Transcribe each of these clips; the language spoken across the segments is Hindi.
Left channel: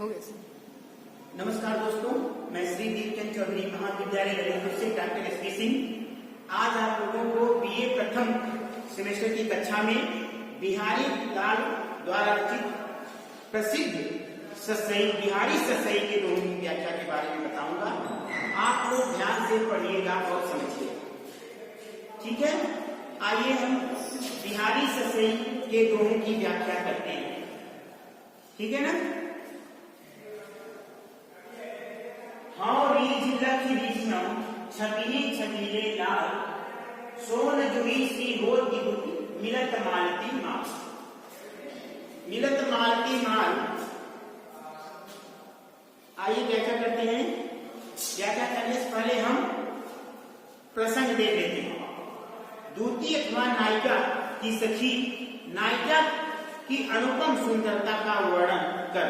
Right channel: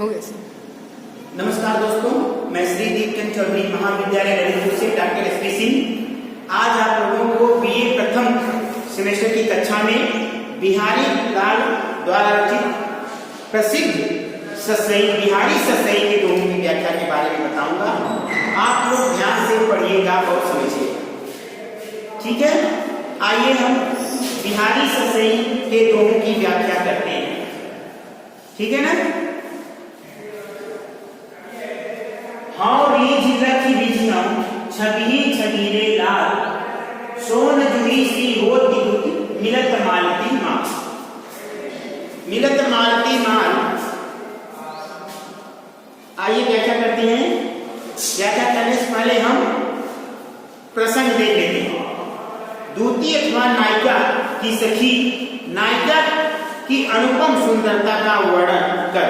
हो गया सर। नमस्कार दोस्तों, मैं श्री दीपचंद चौधरी महाविद्यालय ललितपुर से डॉक्टर एसपी सिंह आज आप लोगों को बीए प्रथम सेमेस्टर की कक्षा में बिहारी लाल द्वारा रचित प्रसिद्ध बिहारी ससई के दोहों की व्याख्या के बारे में बताऊंगा। आप लोग ध्यान से पढ़िएगा और समझिएगा, ठीक है। आइए हम बिहारी ससई के दोहों की व्याख्या करते हैं, ठीक है ना। हाँ रीझ रखी रिझनम छबी छबीरे लाल सोन जुड़ी सी होती दुति मिलत मालती माल। मिलत मालती माल, आइए व्याख्या करते हैं। व्याख्या करने से पहले हम प्रसंग देख लेते हैं। दूती अथवा नायिका की सखी नायिका की अनुपम सुंदरता का वर्णन कर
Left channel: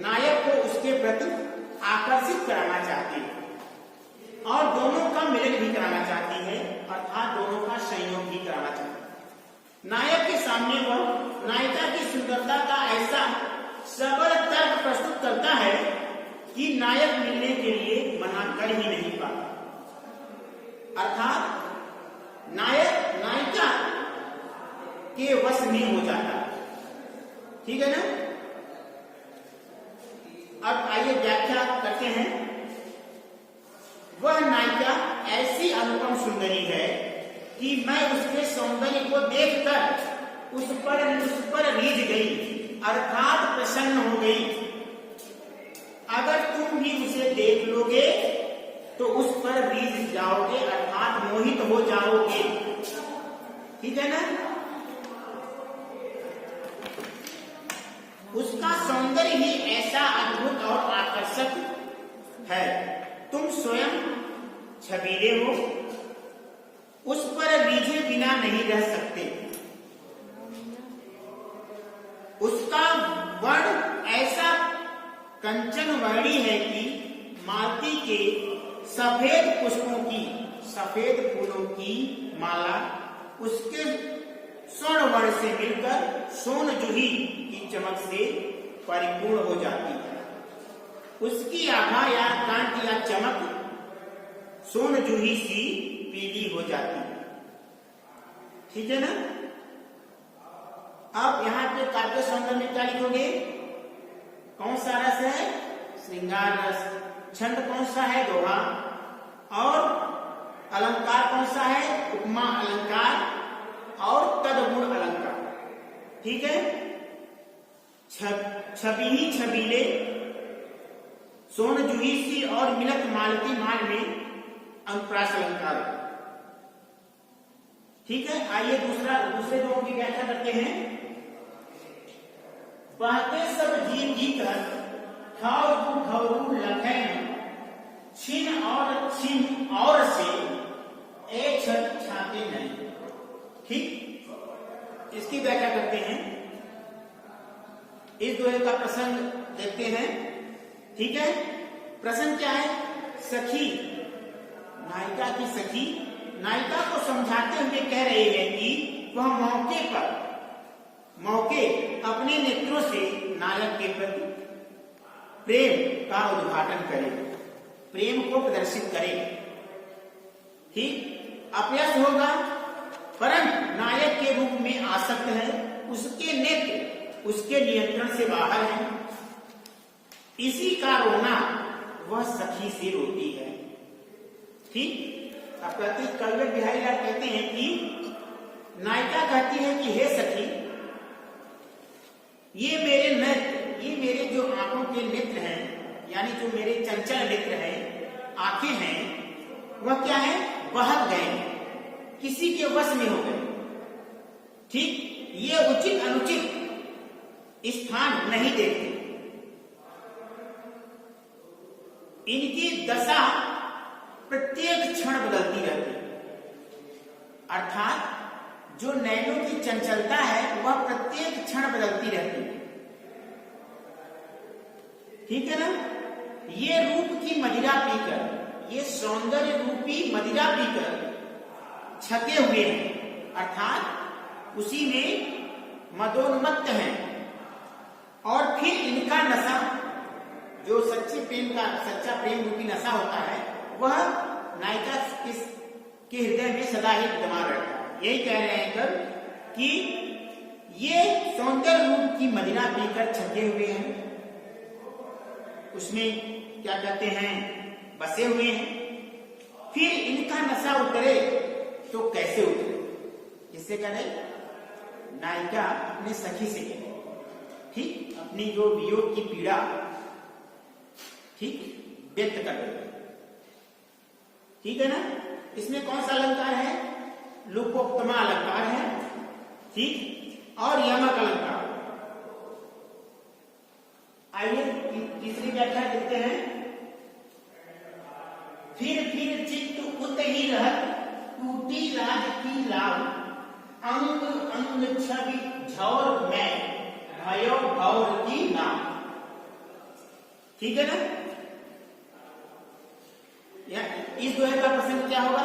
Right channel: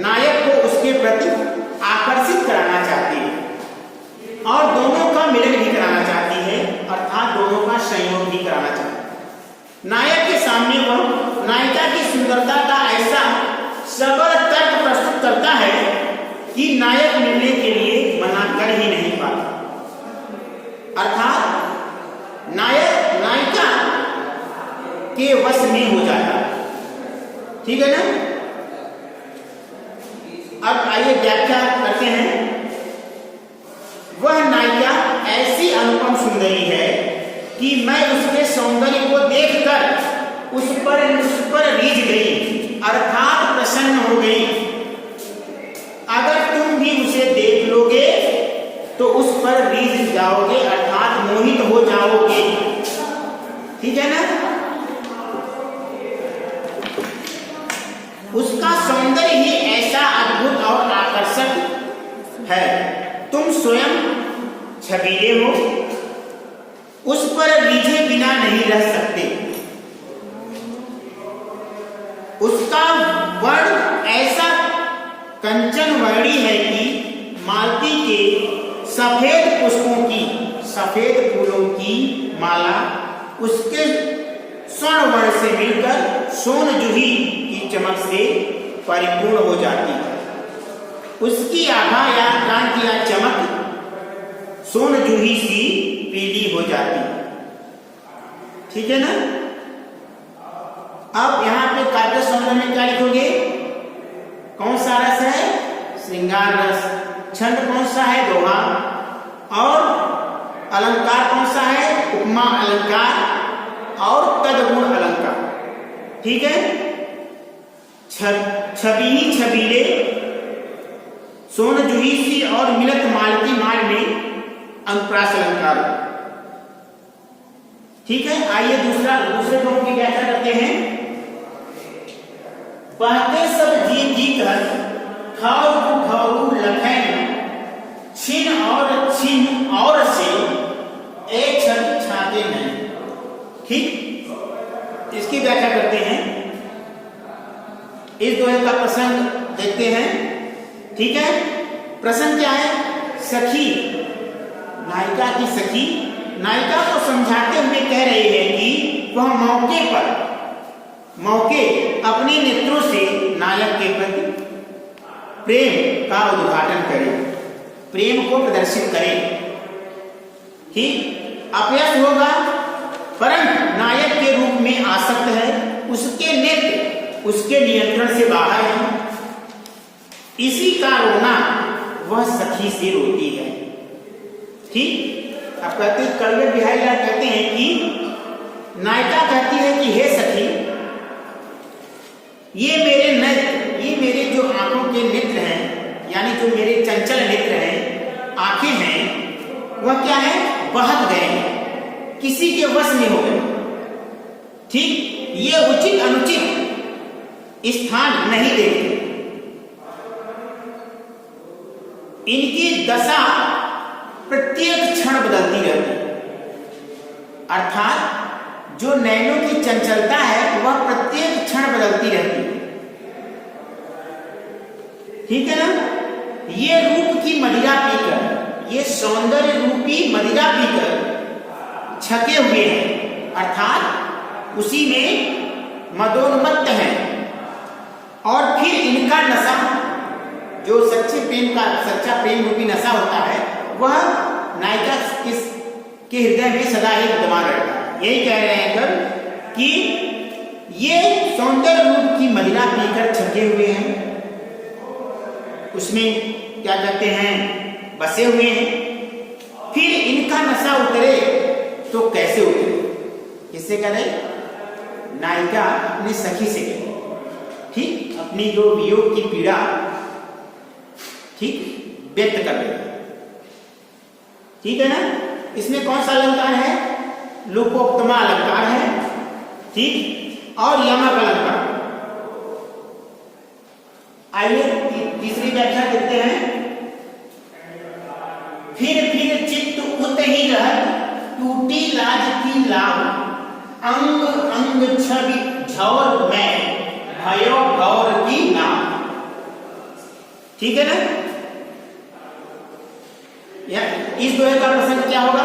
नायक को उसके प्रति आकर्षित कराना चाहती है और दोनों का मिलन भी कराना चाहती है, अर्थात दोनों का संयोग भी कराना चाहती है। नायक के सामने वह नायिका की सुंदरता का ऐसा सबल तर्क प्रस्तुत करता है कि नायक मिलने के लिए मना कर ही नहीं पाता, अर्थात नायक नायिका के वश में हो जाता है, ठीक है ना। अब आइए व्याख्या करते हैं। वह नायिका ऐसी अनुपम सुंदरी है कि मैं उसके सौंदर्य को देखकर उस पर रीझ गई, अर्थात प्रसन्न हो गई। अगर तुम भी उसे देख लोगे तो उस पर रीझ जाओगे, अर्थात मोहित हो जाओगे, ठीक है ना। उसका सौंदर्य ही ऐसा अद्भुत और आकर्षक है, तुम स्वयं छबीले हो, उस पर रीझे बिना नहीं रह सकते। उसका वर्ण ऐसा कंचन वर्णी है कि मालती के सफेद पुष्पों की, सफेद फूलों की माला उसके स्वर्ण वर्ण से मिलकर सोन जूही की चमक से परिपूर्ण हो जाती है। उसकी आभा या कांति या चमक सोन जूही सी पीली हो जाती है, ठीक है ना। अब यहाँ पे काव्य सौंदर्य में क्या लिखोगे? कौन सा रस है? श्रृंगार रस। छंद कौन सा है? दोहा। और अलंकार कौन सा है? उपमा अलंकार और तदगुण अलंकार, ठीक है। छबी छबीले सोन जूही सी और मिलत मालती माल में अनुप्रास अलंकार, ठीक है। आइए दूसरे दोनों की व्याख्या करते हैं। बहते सब जीव जी कर खाऊ खाऊ लखन छिन और से एक क्षण छाते नहीं, ठीक। इसकी व्याख्या करते हैं। इस दोहे का प्रसंग देखते हैं, ठीक है। प्रसंग क्या है? सखी, नायिका की सखी नायिका को समझाते हुए कह रही है कि वह मौके अपने नेत्रों से नायक के प्रति प्रेम का उद्घाटन करे, प्रेम को प्रदर्शित करे, ठीक। अपयश होगा परंतु नायक के रूप में आसक्त है, उसके नेत्र उसके नियंत्रण से बाहर है। इसी का रोना वह सखी से रोती है, ठीक। अब कहते हैं कड़वे बिहारी लाल कहते हैं कि नायिका कहती है कि हे सखी, ये मेरे जो आंखों के नेत्र हैं, यानी जो मेरे चंचल नेत्र हैं, आंखें हैं, वह क्या है? बहक गए हैं, किसी के वश में हो गए, ठीक। ये उचित अनुचित स्थान नहीं देखते। इनकी दशा प्रत्येक क्षण बदलती रहती है, अर्थात जो नैनों की चंचलता है वह प्रत्येक क्षण बदलती रहती है, ठीक है ना। ये रूप की मदिरा पीकर, ये सौंदर्य रूपी मदिरा पीकर छके हुए हैं, अर्थात उसी में मदोन्मत्त हैं और फिर इनका नशा जो सच्चा प्रेम रूपी नशा होता है वह नायिका के हृदय में सदा ही विद्यमान रहता है। यही कह रहे हैं कवि कि ये सौंदर्य रूप की मदिरा पीकर छके हुए हैं, उसमें क्या कहते हैं बसे हुए हैं, फिर इनका नशा उतरे तो कैसे उतरे? किससे करे? नायिका अपने सखी से करे, ठीक, अपनी जो वियोग की पीड़ा ठीक व्यक्त कर रही है, ठीक है ना। इसमें कौन सा अलंकार है? लोकोक्तमा अलंकार है, ठीक, और यमक अलंकार। आइए तीसरी व्याख्या देखते हैं। फिर चित्त उत ही रहत, टूटी लाज की लाभ, अंग अंग छवि झौर में भयो भौर की नाम। ठीक है ना। इस दोहे का प्रसंग क्या होगा?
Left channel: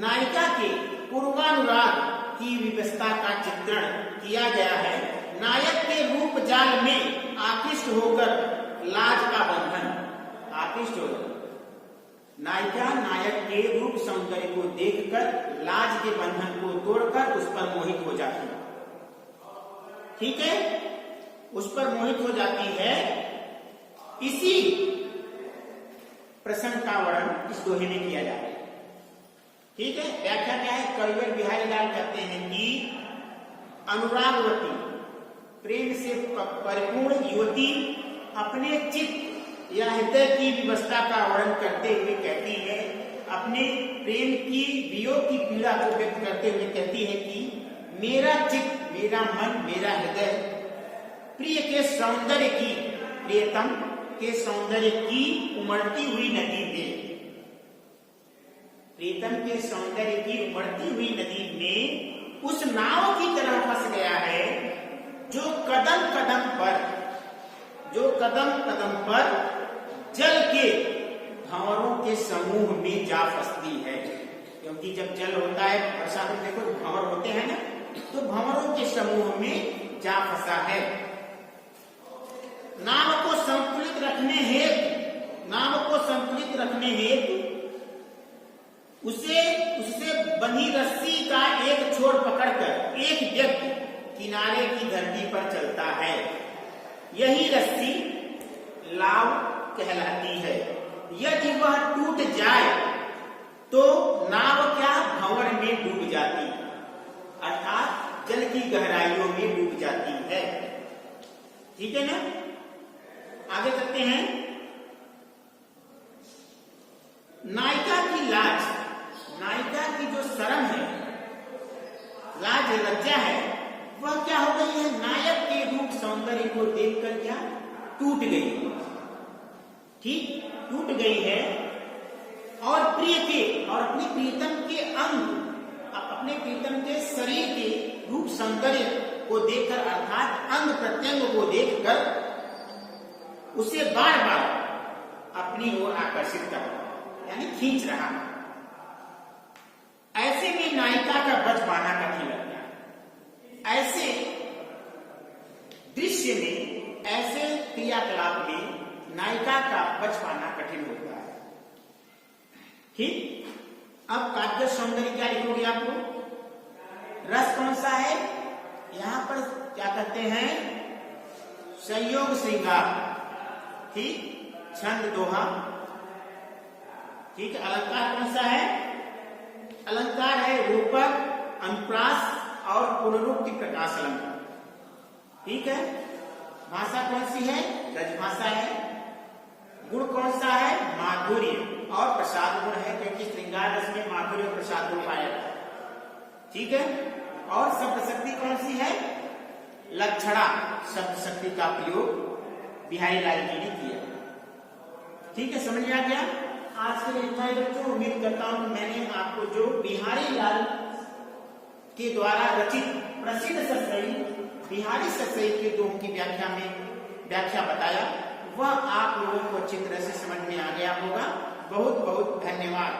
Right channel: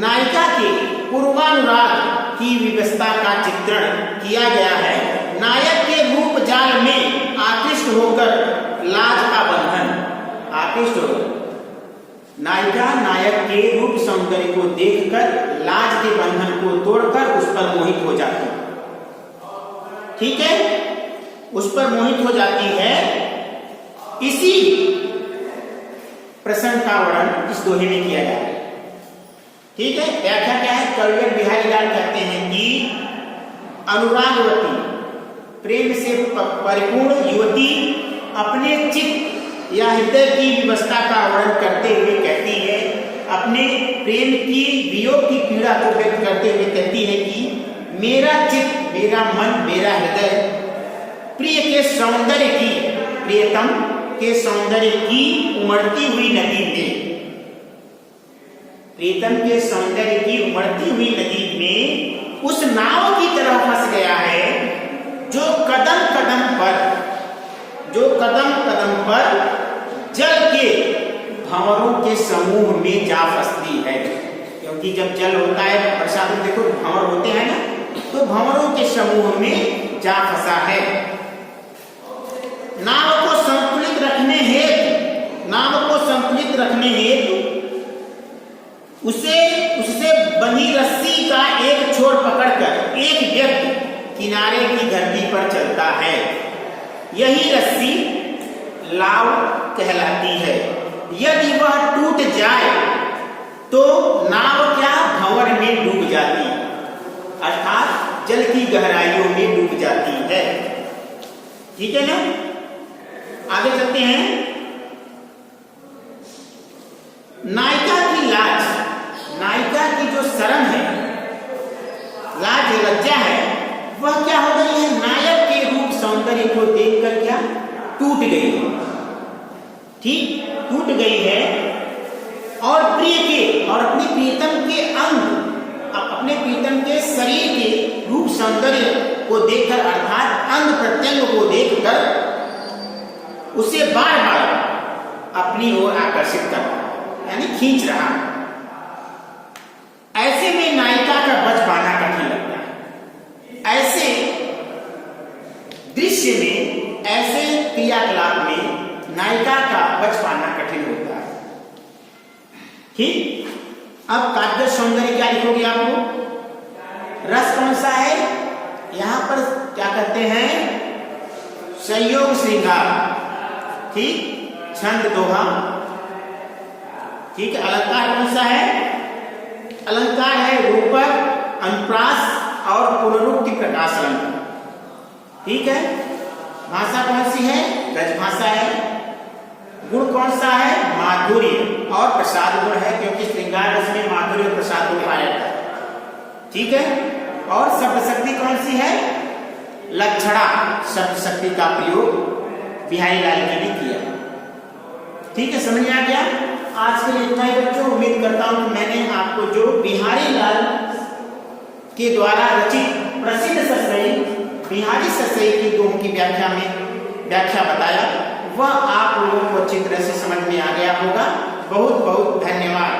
नायिका के पूर्वानुराग की व्यवस्था का चित्रण किया गया है। नायक के रूप जाल में आकृष्ट होकर लाज का बंधन, आकृष्ट होकर नायिका नायक के रूप सौंदर्य को देखकर लाज के बंधन को तोड़कर उस पर मोहित हो जाती है, ठीक है, उस पर मोहित हो जाती है। इसी प्रसंग का वर्णन इस दोहे में किया गया है, ठीक है। व्याख्या क्या है? कविवर बिहारी लाल कहते हैं कि अनुरागवती प्रेम से परिपूर्ण युवती अपने चित्त या हृदय की व्यवस्था का वर्णन करते हुए कहती है, अपने प्रेम की वियोग की पीड़ा को व्यक्त करते हुए कहती है कि मेरा चित्त, मेरा मन, मेरा हृदय प्रिय के सौंदर्य की, प्रियतम के सौंदर्य की उमड़ती हुई नदी में, प्रीतम के सौंदर्य की उमड़ती हुई नदी में उस नाव की तरह फंस गया है जो कदम कदम पर जल के भंवरों के समूह में जा फंसती है। क्योंकि जब जल होता है बरसात में, देखो भंवर होते हैं ना, तो भंवरों के समूह में जा फंसा है। नाव को संतुलित रखने हेतु उससे बंधी रस्सी का एक छोर पकड़कर एक व्यक्ति किनारे की धरती पर चलता है। यही रस्सी लाव कहलाती है। यदि वह टूट जाए तो नाव क्या भंवर में डूब जाती है, अर्थात जल की गहराइयों में डूब जाती है। ठीक है ना। आगे चलते हैं। नायिका की लाज, नायिका की जो शर्म है, लाज लज्जा है, वह क्या हो गई है? नायक के रूप सौंदर्य को देखकर क्या टूट गई है, ठीक, टूट गई है। और प्रिय के और अपने प्रियतम के अंग, अपने प्रियतम के शरीर के रूप सौंदर्य को देखकर, अर्थात अंग प्रत्यंग को देखकर उसे बार बार अपनी ओर आकर्षित कर, यानी खींच रहा। ऐसे में नायिका का बच पाना कठिन लगता है। ऐसे दृश्य में, ऐसे क्रियाकलाप में नायिका का बच पाना कठिन होता है। ठीक। अब काव्य सौंदर्य क्या लिखोगे आपको? रस कौन सा है? यहां पर क्या कहते हैं? संयोग श्रृंगार, ठीक, छंद दोहा, ठीक है। अलंकार कौन सा है? अलंकार है रूपक, अनुप्रास और पुनरुक्ति प्रकाश अलंकार, ठीक है। भाषा कौन सी है? गज भाषा है। गुण कौन सा है? माधुर्य और प्रसाद गुण है, क्योंकि श्रृंगार रस में माधुर्य और प्रसाद गुण पाया जाता है, ठीक है। और शब्द शक्ति कौन सी है? लक्षणा शब्द शक्ति का प्रयोग बिहारी लाल जी ने किया, ठीक है। समझ में आ गया? आज के लिए इतना ही बच्चों। उम्मीद करता हूं कि मैंने आपको जो बिहारी लाल के द्वारा रचित प्रसिद्ध सतसई बिहारी सतसई की दोहों की व्याख्या बताया, वह आप लोगों को अच्छी तरह से समझ में आ गया होगा। बहुत बहुत धन्यवाद।